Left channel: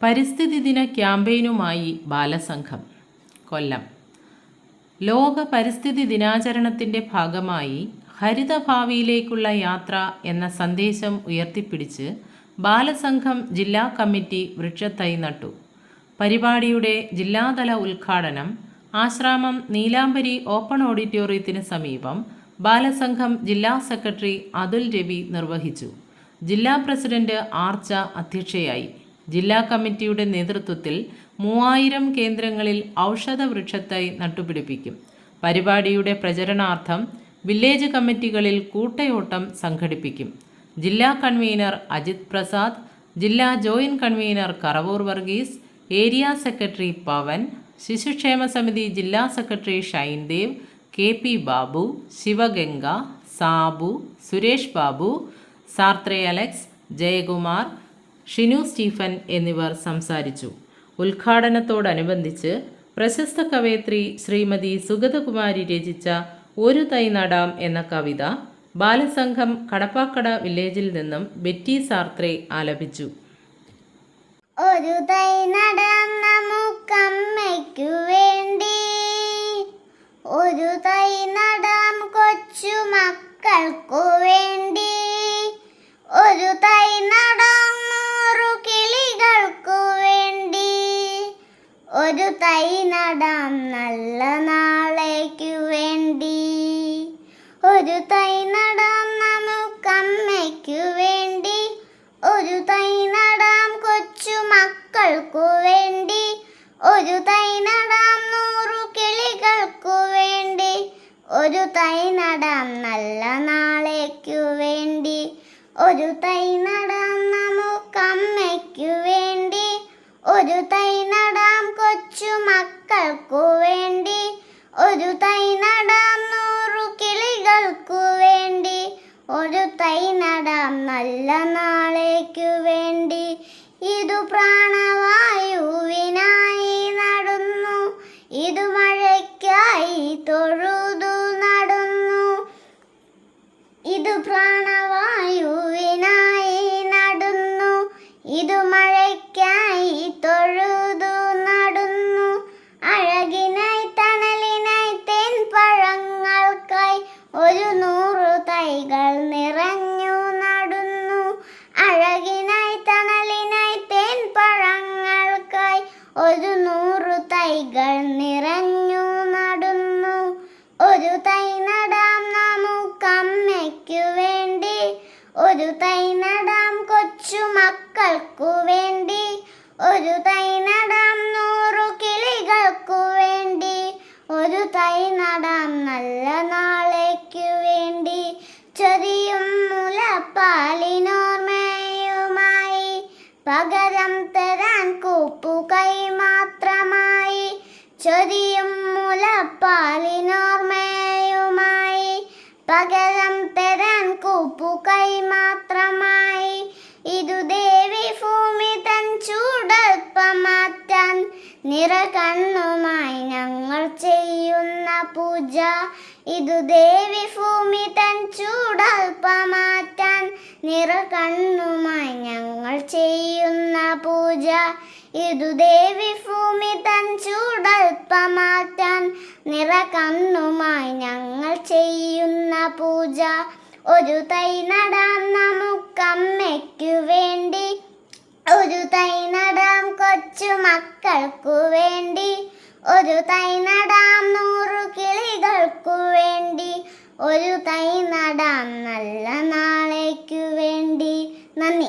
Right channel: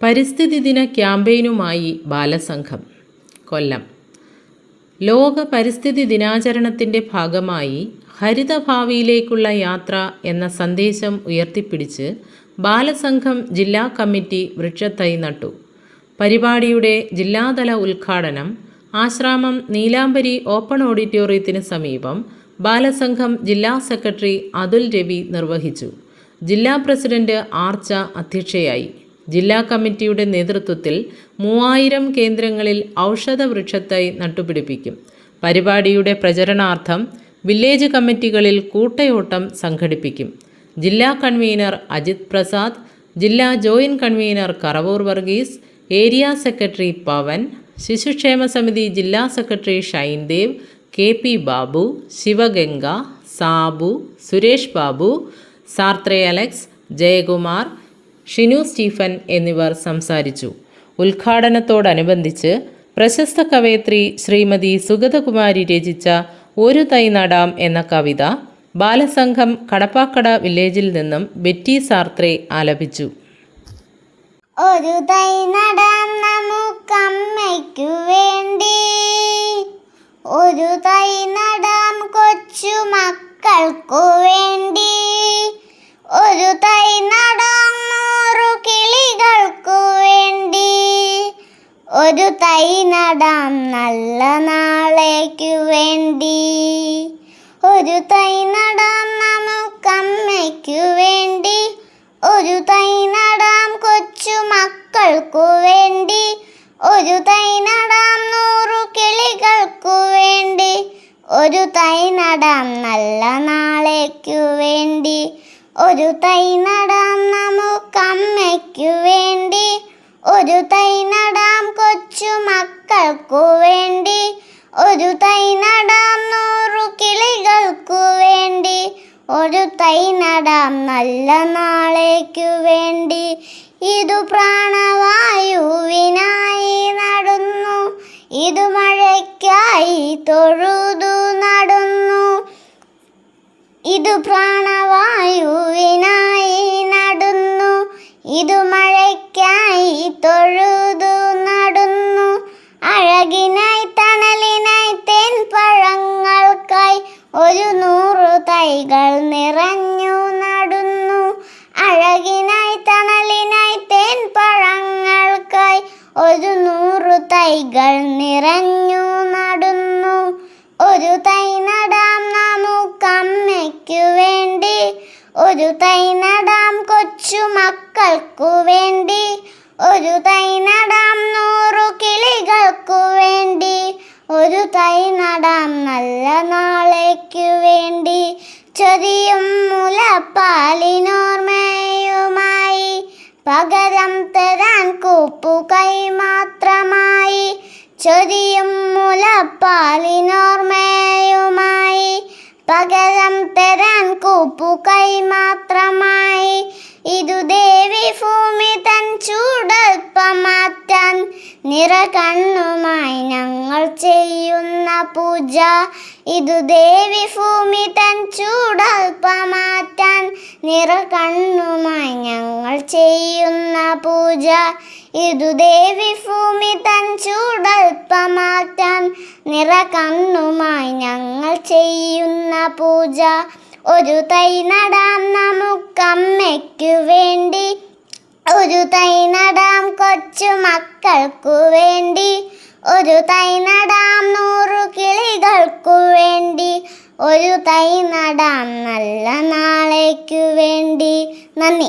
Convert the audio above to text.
പരിസ്ഥിതി ദിന ക്യാമ്പയിനുമായി ബാലസംഘം കൊല്ലം. ലോക പരിസ്ഥിതി ദിനാചരണത്തിൻ്റെ ഭാഗമായി ഹരിതഭാവിയിലേക്കുള്ള യാത്ര എന്ന സന്ദേശം ഉയർത്തിപ്പിടിച്ച് ബാലസംഘം ജില്ലാ കമ്മിറ്റി വൃക്ഷത്തൈ നട്ടു. പരിപാടിയുടെ ജില്ലാതല ഉദ്ഘാടനം ആശ്രാമം നീലാംബരി ഓപ്പൺ ഓഡിറ്റോറിയത്തിന് സമീപം ബാലസംഘം ജില്ലാ സെക്രട്ടറി അതുൽ രവി നിർവഹിച്ചു. ജില്ലാ പ്രസിഡന്റ് ആർച്ച അധ്യക്ഷയായി. ജില്ലാ കമ്മിറ്റിയുടെ നേതൃത്വത്തിൽ 3000 കേന്ദ്രങ്ങളിൽ ഔഷധ വൃക്ഷത്തൈ നട്ടുപിടിപ്പിക്കും. പരിപാടിയുടെ പ്രചരണാർത്ഥം വില്ലേജ് കമ്മിറ്റികളിൽ കൂട്ടയോട്ടം സംഘടിപ്പിക്കും. ജില്ലാ കൺവീനർ അജിത് പ്രസാദ്, ജില്ലാ joint convener Karavoor Varghese, area secretary Pavan, ശിശുക്ഷേമ സമിതി ജില്ലാ സെക്രട്ടറി ഷൈൻദേവ്, KP ബാബു, ശിവഗംഗ, സാബു, സുരേഷ് ബാബു, സാർത്രേ അലക്സ്, ജയകുമാർ, ഷിനു സ്റ്റീഫൻ എന്നിവർ സംസാരിച്ചു. ഉദ്ഘാടനത്തോടനുബന്ധിച്ച് പ്രശസ്ത കവയത്രി ശ്രീമതി സുഗതകുമാരി രചിച്ച ഒരു തൈ നടാം എന്ന കവിത ബാലസംഘം കടപ്പാക്കട വില്ലേജിൽ നിന്നും ബെറ്റി സാർത്രേ ആലപിച്ചു. ഒരു തൈ നടാം നമുക്കമ്മയ്ക്കു വേണ്ടി, ഒരു തൈ നടാം കൊച്ചു മക്കൾക്കു വേണ്ടി, ഒരു തൈ നടാം 100 കിളികൾക്കു വേണ്ടി, ഒരു തൈ നടാം നല്ല നാളേക്കു വേണ്ടി, ഒരു തൈ നടാം നമുക്കമ്മയ്ക്കു വേണ്ടി, ഒരു തൈ നടാം കൊച്ചു മക്കൾക്കു വേണ്ടി, ഒരു തൈ നടാം 100 കിളികൾക്കു വേണ്ടി, ഒരു തൈ നടാം നല്ല നാളേക്കു വേണ്ടി, ഒരു തൈ നടാം നമുക്കമ്മയ്ക്കു വേണ്ടി, ഒരു തൈ നടാം കൊച്ചു മക്കൾക്കു വേണ്ടി, ഒരു തൈ നടാം 100 കിളികൾക്കു വേണ്ടി, ഒരു തൈ നടാം നല്ല നാളേക്കു വേണ്ടി. ഇതു പ്രാണവായുവിനായി നടുന്നു, ഇതു മഴയ്ക്കായി തൊഴുതു നടുന്നു, ഇതു പ്രാണവായുവിനായി നടുന്നു, ഇതു മഴയ്ക്കായി തൊഴുതു നടുന്നു, അഴകിനായി തണലിനായി തേൻപഴങ്ങൾക്കായി 100 തൈകൾ നിറഞ്ഞു നടുന്നു, അഴകിനായി തണലിനായി തേൻപഴങ്ങൾക്കായി 100 തൈകൾ നിറഞ്ഞു നടുന്നു, ഒരു തൈ നടാം നമുക്കമ്മയ്ക്കു വേണ്ടി, ഒരു തൈ നടാം കൊച്ചു മക്കൾക്കു വേണ്ടി, ഒരു തൈ നടാം 100 കിളികൾക്കു വേണ്ടി, ഒരു തൈ നടാം നല്ല നാളേക്കു വേണ്ടി. ചൊരിയും മുലപ്പാലിനോർമ്മയുമായി പകരം തരാൻ കൂപ്പുകൈ മാത്രമായി, ചൊരിയും മുലപ്പാലിനോർമ്മയുമായി പകരം തരാൻ കൂപ്പുകൈ മാത്രമായി, ഇതു ദേവി ഭൂമി തൻ ചൂടൽപ്പം മാറ്റാൻ നിറകണ്ണുമായി ഞങ്ങൾ ചെയ്യുന്ന പൂജ, ഇതു ദേവി ഭൂമി തൻ ചൂടൽപ്പം മാറ്റാൻ നിറകണ്ണുമായി ഞങ്ങൾ ചെയ്യുന്ന പൂജ, ഇതു ദേവി ഭൂമി തൻ ചൂടൽപ്പം മാറ്റാൻ നിറകണ്ണുമായി ഞങ്ങൾ ചെയ്യുന്ന പൂജ. ഒരു തൈ നടാം നമുക്കമ്മയ്ക്കു വേണ്ടി, ഒരു തൈ നടാം കൊച്ചു മക്കൾക്കു വേണ്ടി, ഒരു തൈ നടാം 100 കിളികൾക്കു വേണ്ടി, ഒരു തൈ നടാം നല്ല നാളേക്കു വേണ്ടി. നന്ദി.